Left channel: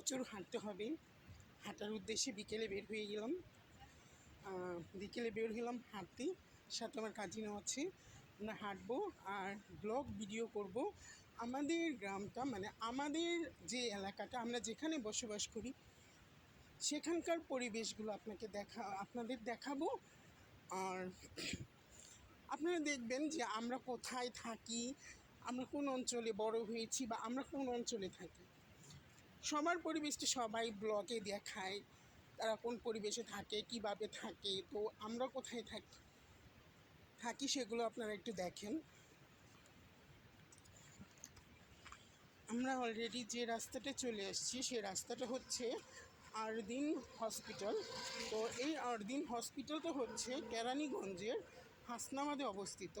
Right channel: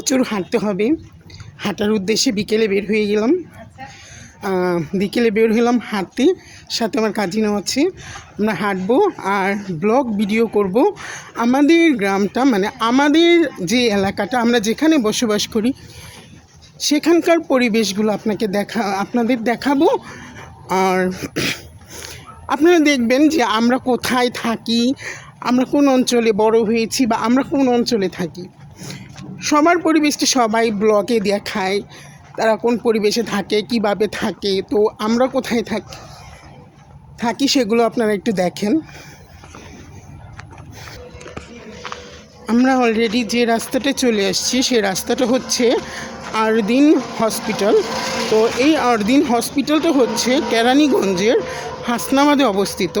প্রচুর হাঁটতে হবে। হাঁটার উদ্দেশ্যে বিকেলে বের হয়ে গেলাম। বিকেলে বের হলাম হাঁটতে। সাথে আমার কাজিনও আছে। আমরা হাঁটবো আর ব্লগ ভিডিও করব। আমাদের গ্রামটা মানে আমাদের যে এলাকাটা আমরা যেখানে বসবাস করি, সেখানকার পরিবেশগুলো আপনাকে দেখা, আপনাদের দেখাবো। আর আপনারা দেখবেন যে আমরা কোথায় থাকি, আমরা কোন অঞ্চলে বড় হয়েছি বা আমরা কোন অঞ্চলে থাকি। সবার পরিবেশটা সবাই ব্লগে দেখায় তারা কোন পরিবেশে থাকে, কীভাবে থাকে, তো আমরা কোথায় থাকি থাকি সেগুলো আপনারা একটু দেখেন। আমরা অলরেডি যে রাস্তাটা চলে আসছি, সে রাস্তাটা হচ্ছে আরদিন হসপিটাল। তো এই আরদিন হসপিটালটা হচ্ছে কেরানীগঞ্জের হাসনাবাদে অবস্থিত।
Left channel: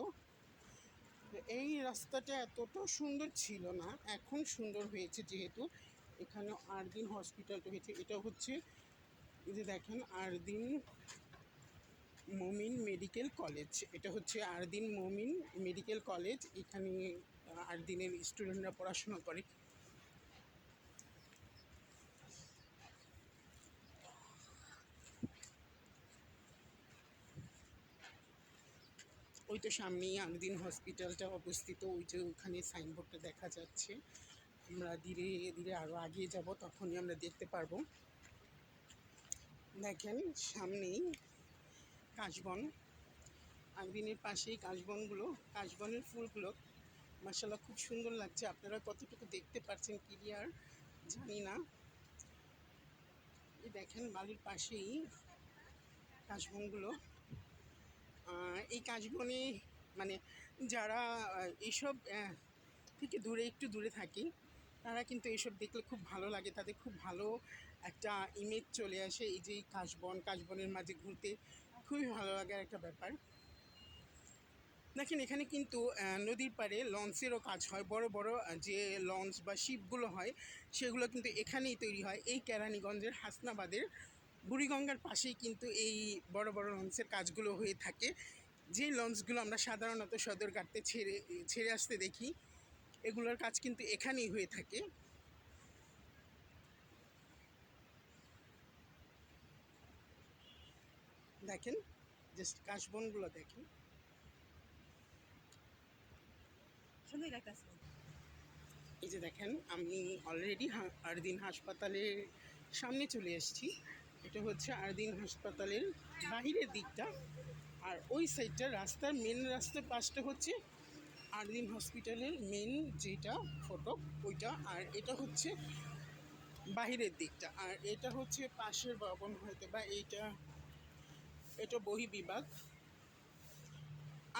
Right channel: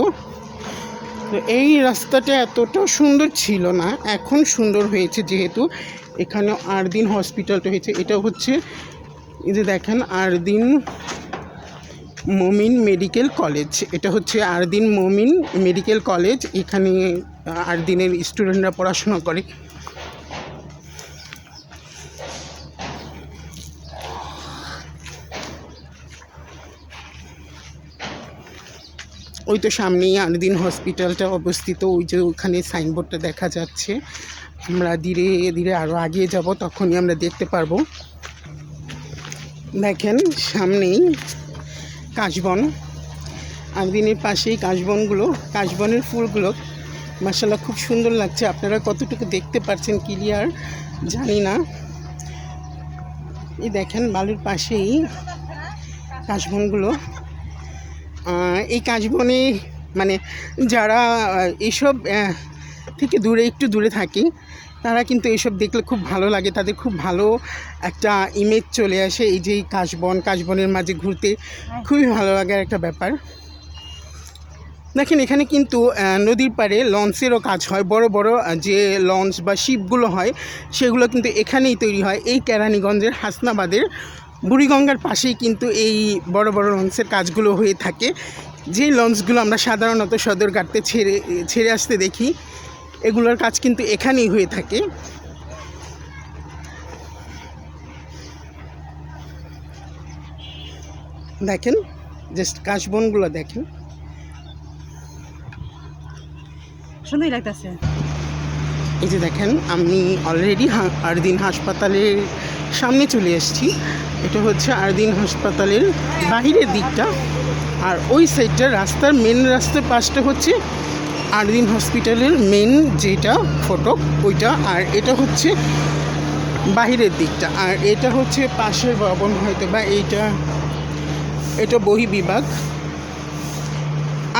তো এই রাস্তাটা এতটাও সুন্দর ছিল না, এখন সুন্দর হয়েছে যেহেতু। এখানে আরদিন হসপিটালটা হয়েছে। এটা হচ্ছে, এই যে দেখেন, আরদিন মমিন মেডিকেল কলেজ। এটা হচ্ছে আরদিন মমিন মেডিকেল কলেজ। এখানে আরদিনের স্টুডেন্টরা পড়াশোনা করে। ওই তো সামনেই আরদিন হসপিটালটা অবস্থিত, ওই যে ওখানে সাইনবোর্ডটা দেখা যাচ্ছে। আমরা ধীরে ধীরে আরও আগিয়ে যাব, তখনই আমরা দেখতে পারব। দেখেন, সামনেই কাশবন। আরদিনের পাশেই কাশবনগুলো, কাশবনের ফুলগুলো। মাসাল্লাহ খুব সুন্দর লাগছে। আপনারা কতটুকু দেখতে পারছেন ক্লিয়ার জানি না। এই দেখেন, বালুর পাশেই কাশবনগুলো। এই কাশবনে মানে যারা এইসব থেকে দূরে, একটু দূরে থাকে, তারা কিন্তু এইসব দেখলে খুব ভালো লাগে। তাদের খুব ভালো একটা ইমেজ চলে আসে এই যে কাশবন, কাশবনের মাঝে ঘুরতে। খুবই ভালো লাগার একটা ব্যাপার। দেখেন, এখানে কিন্তু নদীর পাড়ে লঞ্চেরও কাজ হয়। বড় বড় যে লঞ্চ বা শিপগুলো হয়, সেগুলো কিন্তু এখানেই তৈরি হয়। এই কেরানীগঞ্জের হাসনাবাদের বুড়িগঙ্গার পাশেই কিন্তু এই বড় বড় লঞ্চের কাজগুলো হয়ে থাকে। যে লঞ্চগুলো আমরা সাধারণত সদরঘাটতে ছেড়ে ছেড়ে আসতে দেখি এগুলোর কাজ কিন্তু এখানেই হয়ে থাকে। দেখেন জাস্ট কাশবনগুলো দেখেন। সুন্দরই লাগতেছে। এই যে দেখেন আমি অলরেডি আরদিন হাসপাতালের সামনে চলে এসেছি। এটা হচ্ছে আরদিন হাসপাতালের বাহিরের দিকটা। আর ওই সাইডটা রাস্তার মেন রাস্তার পাশটা হচ্ছে আরদিন হসপিটালের মেন যেটা ফটক, ওইটা। আর এটা হচ্ছে বাহিরের দিকটা। আর এটা হচ্ছে পাশের ভবন হয়তো বা এইটা। এটা বহি বিভাগ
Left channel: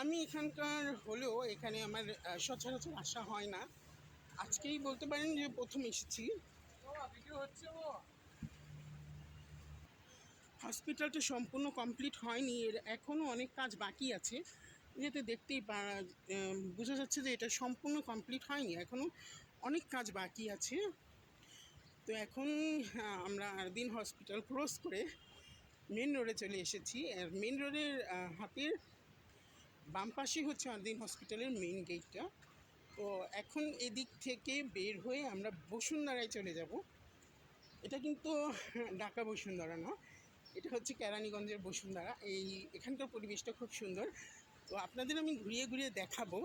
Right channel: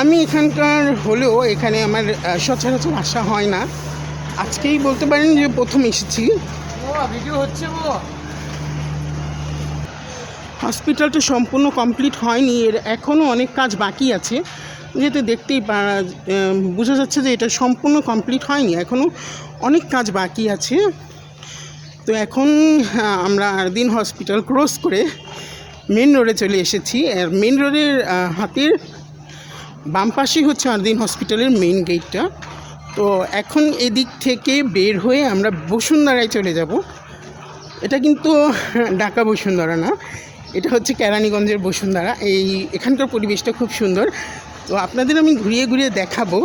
আমি এখানকার হলেও এখানে আমার সচরাচর আসা হয় না। আজকেই বলতে পারেন যে প্রথম এসেছি। ভিডিও হচ্ছে হসপিটালটা সম্পূর্ণ কমপ্লিট হয়নি, এর এখনও অনেক কাজ বাকি আছে। যেহেতু দেখতেই বোঝা যাচ্ছে যে এটা সম্পূর্ণ কমপ্লিট হয়নি, এখনও অনেক কাজ বাকি আছে। তো এখন আমরা আরদিন হসপিটাল ক্রস করে মেন রোডে চলে এসেছি। আর মেন রোডের হাতের বাম পাশেই হচ্ছে আরদিন হসপিটালের মেইন গেটটা। তো এখন এদিক থেকে বের হয়ে আমরা বসুন্ধরায় চলে যাব। এটা কিন্তু ঢাকা বসুন্ধরা না এটা হচ্ছে কেরানীগঞ্জের বসুন্ধারা। এই এখানকার পরিবেশটা খুব সুন্দর। তো আপনাদের আমি ঘুরিয়ে ঘুরিয়ে দেখাবো।